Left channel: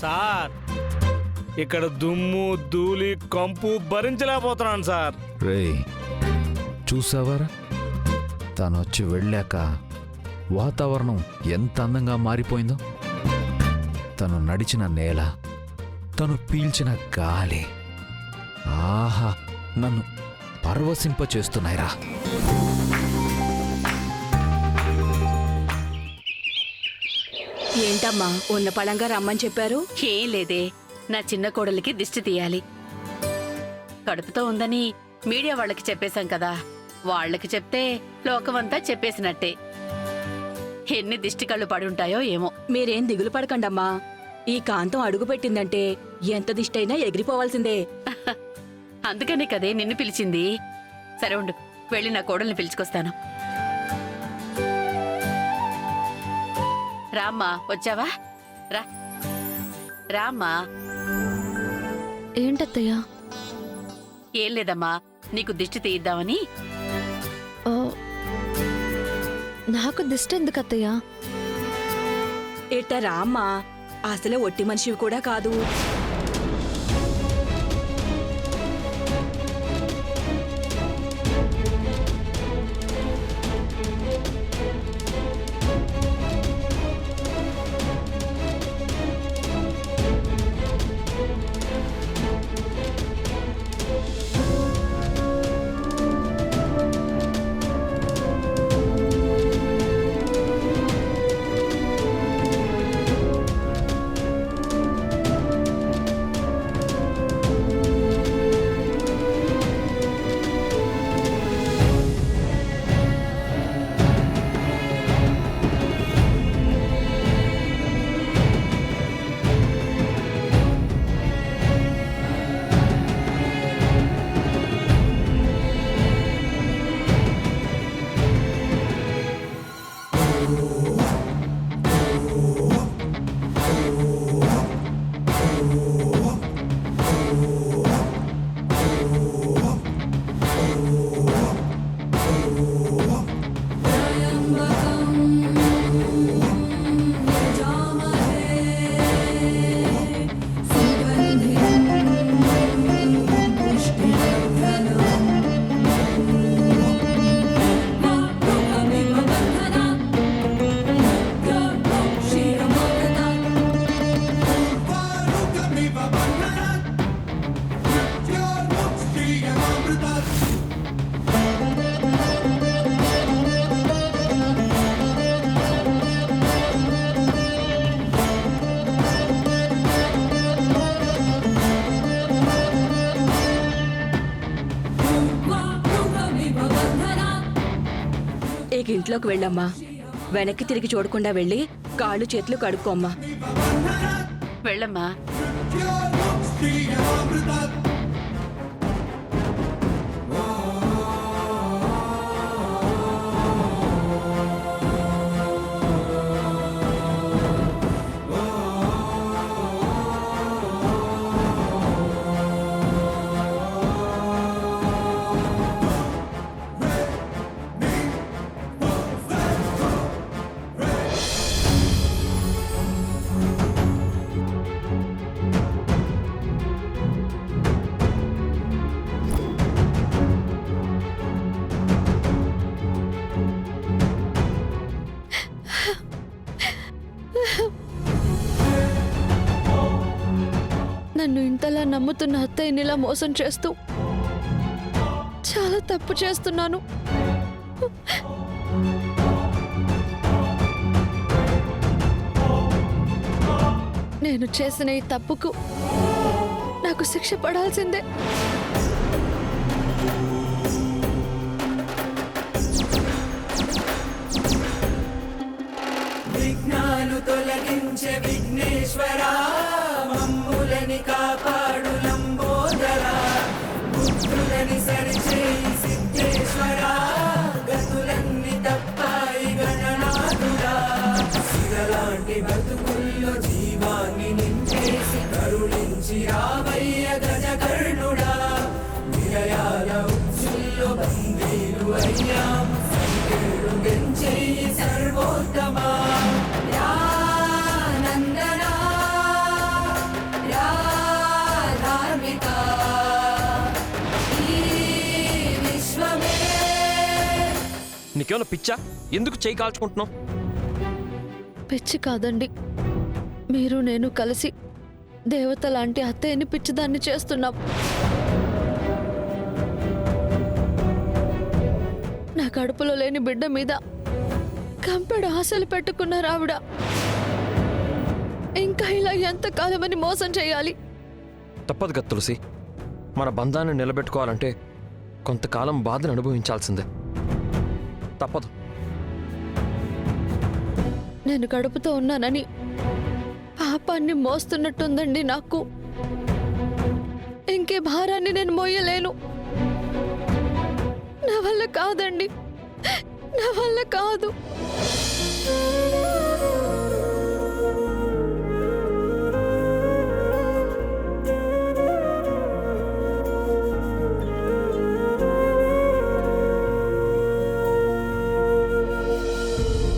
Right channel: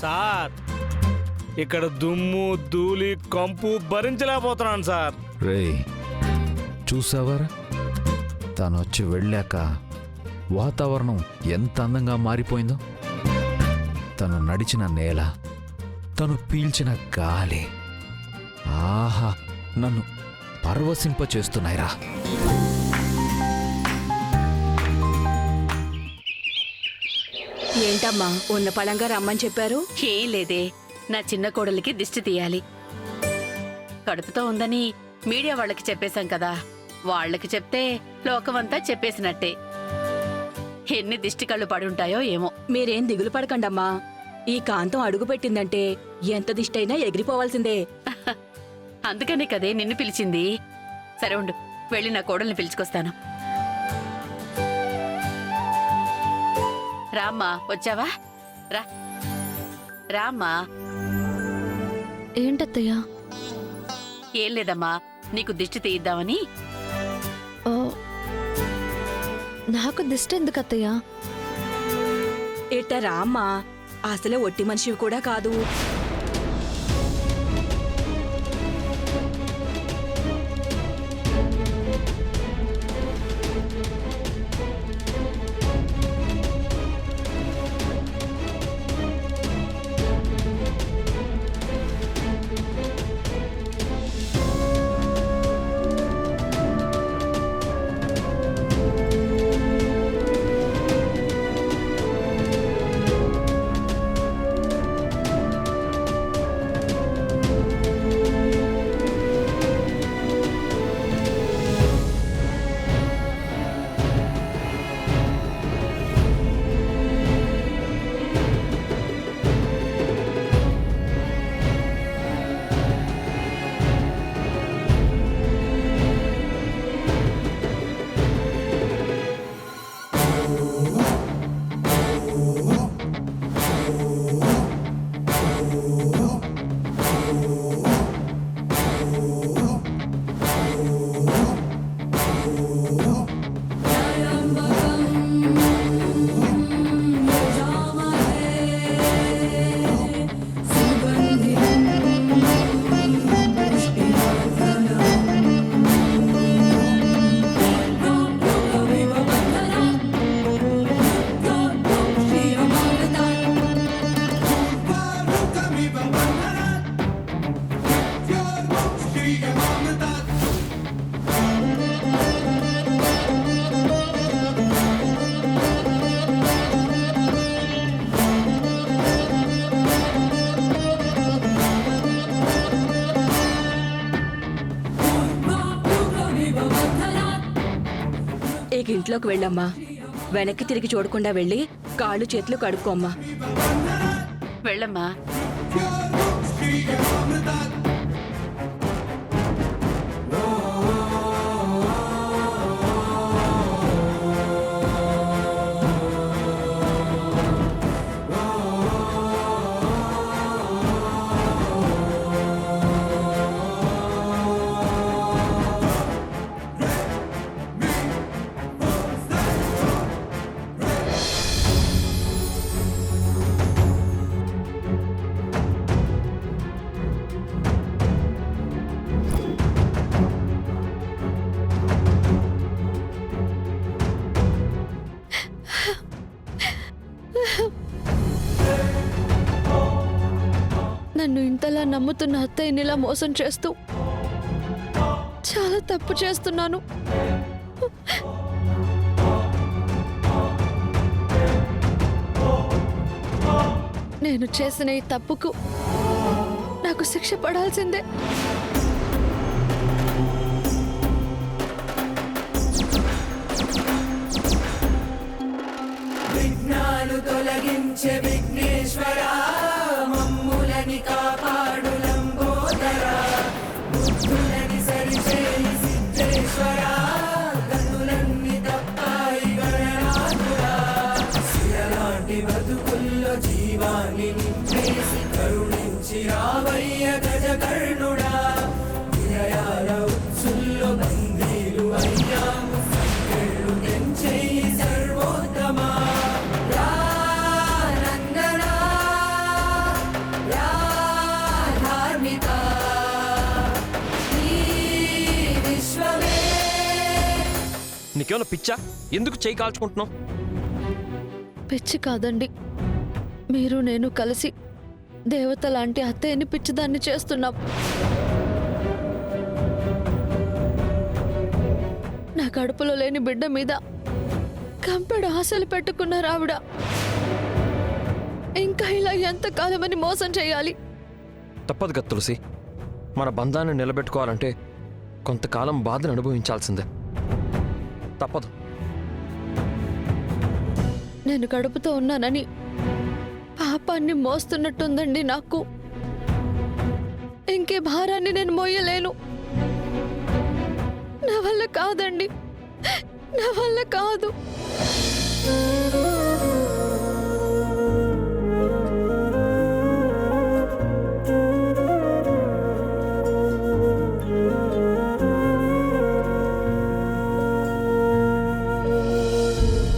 Sir ఇక్కడ దుమ్ము ధూళి కంపు భరించలేకపోతున్నాను సార్. రేయ్ చూసావారా, తను వచ్చి వెళ్ళాక వాతావరణం ఎంత అందంగా మారిపోయిందో. తను నడిచిన నేల, తను పీల్చిన గాలి, ఆహా నన్ను పరవశింపచేస్తున్నాయిరా. ఏంటమ్మా ఉన్న పళంగా రమ్మని చెప్పారు? ఏం లేదే, నా చిన్న కోడలికి దిష్టి తీయాలి. కడుపుతో ఉందని మీడియా వాళ్ళకి చెప్పేశాం కదా, వాళ్ళకి చెప్తే లోకమంతా చెప్పేసినట్టే. ఎన్ని దిష్టి కళ్ళు పడుంటాయో ఏమో. మీరేం దిగులు పడకండమ్మా, ఈ కాంతం అడుగు పెట్టిందంటే ఎంత దిష్టైనా ఎగిరిపోవాల్సిందే. అందుకనే కదే నిన్ను పిలిచింది. సరే ఉండు, వెళ్ళి నా కోడల్ని పిలుచుకొస్తాను. రామ్మా, వచ్చావా? రా రామ్మా. ఏంటత్తయ్యా? ఏం లేదమ్మా, నీకు దిష్టి తీయిద్దామని. ఓ, నాకు దిష్టి ఎందుకు అత్తయ్యా? ఇట్ట రామ్మా, అసలే ఒట్టి మనిషివి కూడా కాదు. ఇక ఇంట్లోకి వెళ్ళమ్మా, వెనక్కి తిరిగి చూడకుండా వెళ్ళి కాళ్ళు చేతులు కడుక్కోమ్మా. వెళ్ళమ్మా. నన్ను ఇంతలా నమ్ముతున్న అత్తయ్యని ఇలా మోసం చేస్తూ చాలా తప్పు చేస్తున్నాను. నేను చేసిన ఈ తప్పుకు నాకు శిక్ష పడాల్సిందే. విఘ్నాలు తొలగించే విఘ్నేశ్వరా, మమ్ములని కాపాడు లంబోదరా, బుద్ధులని సరిచేయి సిద్ధేశ్వరా, గతులన్నీ తప్పాయి గణనాథుడా, శిలలాంటి బతుకుల్లో జీవాన్ని నింపేసి కరుణించి రావయ్య గజకర్ణుడా, విలయాల ఉత్సుల్లో బందీలు అయ్యాము, సర్వోత్తమా. నీకేమైనా పిచ్చా? ఎందుకు చేయి కాల్చుకుంటున్నావు? పిచ్చి కాదండి, మీరు నేను కలిసి దేవత లాంటి అత్తయ్యని పిచ్చిదాన్ని చేస్తున్నాం. నా కడుపులో లేని బిడ్డ మీద కంపెడు ఆశలు పెట్టుకున్నారు ఆవిడ. ఇంకా ఇలా ఎంతకాలమని మోసం చేయాలి? తప్పదు కదా తులసి, మన బంధాన్ని నిలబెట్టుకోవాలంటే కొంతకాలం బాధను అనుభవించాల్సిందే. తప్పదు. నేను కడుపుతో ఉన్నానని పాపాన్ని మోస్తున్నట్టుందండి నాకు. ఇంకే భారాన్ని నేను మోయలేను. నా వల్ల కాదండి, నా వల్ల కాదు.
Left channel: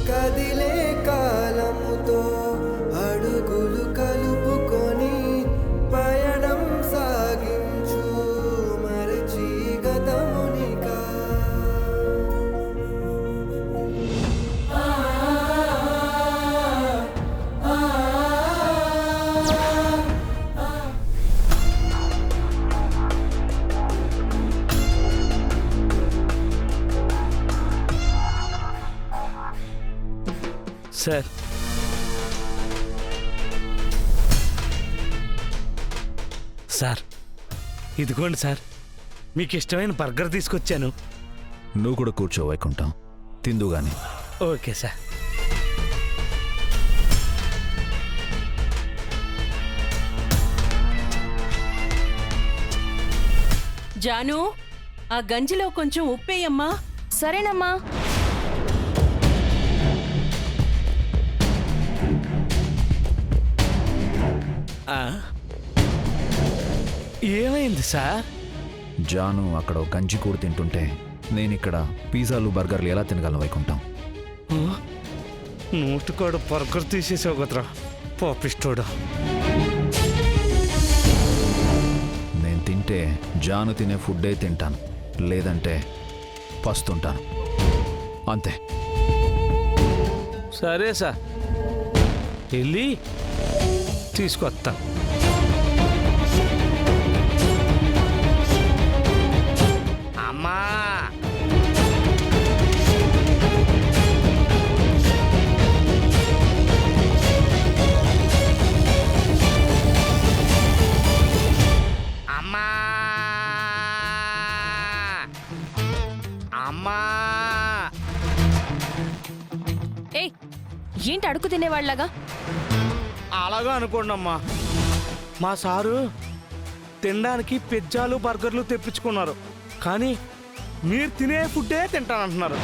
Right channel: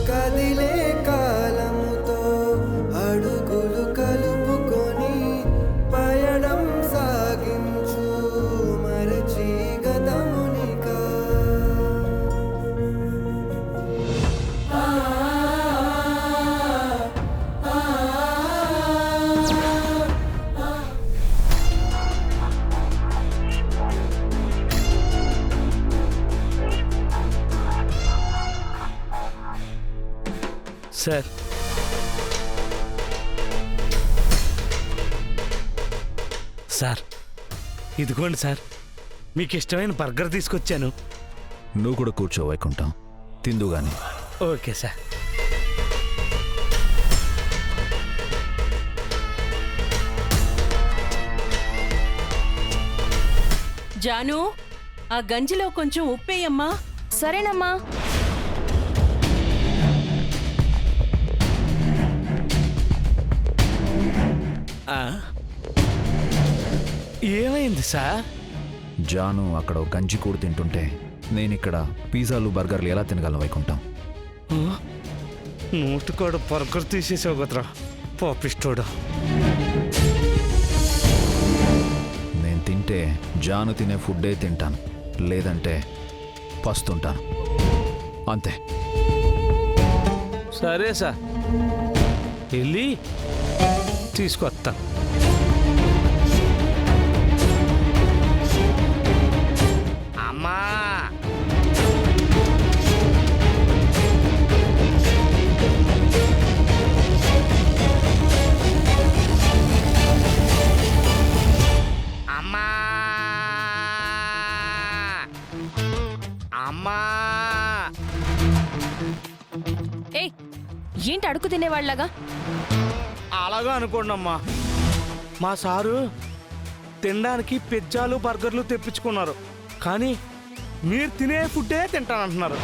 కదిలే కాలముతో అడుగులు కలుపుకొని పయనం సాగించు మరచి గతమునికా. సార్, సార్ ఇదిగోండి సార్, మీకు ఇష్టమైన బర్గర్ తీసుకొచ్చాను. నువ్వు కూడా కూర్చో వైకుంఠం, తిందుగాని. Okay sir. జాను, ఆ గంజిలో కొంచెం ఉప్పేయమ్మా. సరేనమ్మా. ఏమైంది సార్? జాను అక్కడ ఓ గంజి కూడు తింటుంటే నేనిక్కడ పిజ్జాలు బర్గర్లు ఎలా తినగలను వైకుంఠం? నోటికాడు బర్గర్ తీసేసావు కదరా పాపిస్తోడా. నేను తింటే జాను తినే ఫుడ్డే తింటాను, లేదంటే పస్తుంటాను, అంతే. సరే సార్, వెళ్ళి తీసుకొస్తా. అమ్మా, అమ్మా, అమ్మా. ఏయ్, ఏంటి అడుగు తినేవాళ్ళగా? అలాగా అనుకోండమ్మా, మా సారు తినడానికి పిజ్జాలు బర్గర్లు తెప్పించుకున్నారు, కానీ మీరు తినే ఫుడ్డే తింటానంటున్నారు.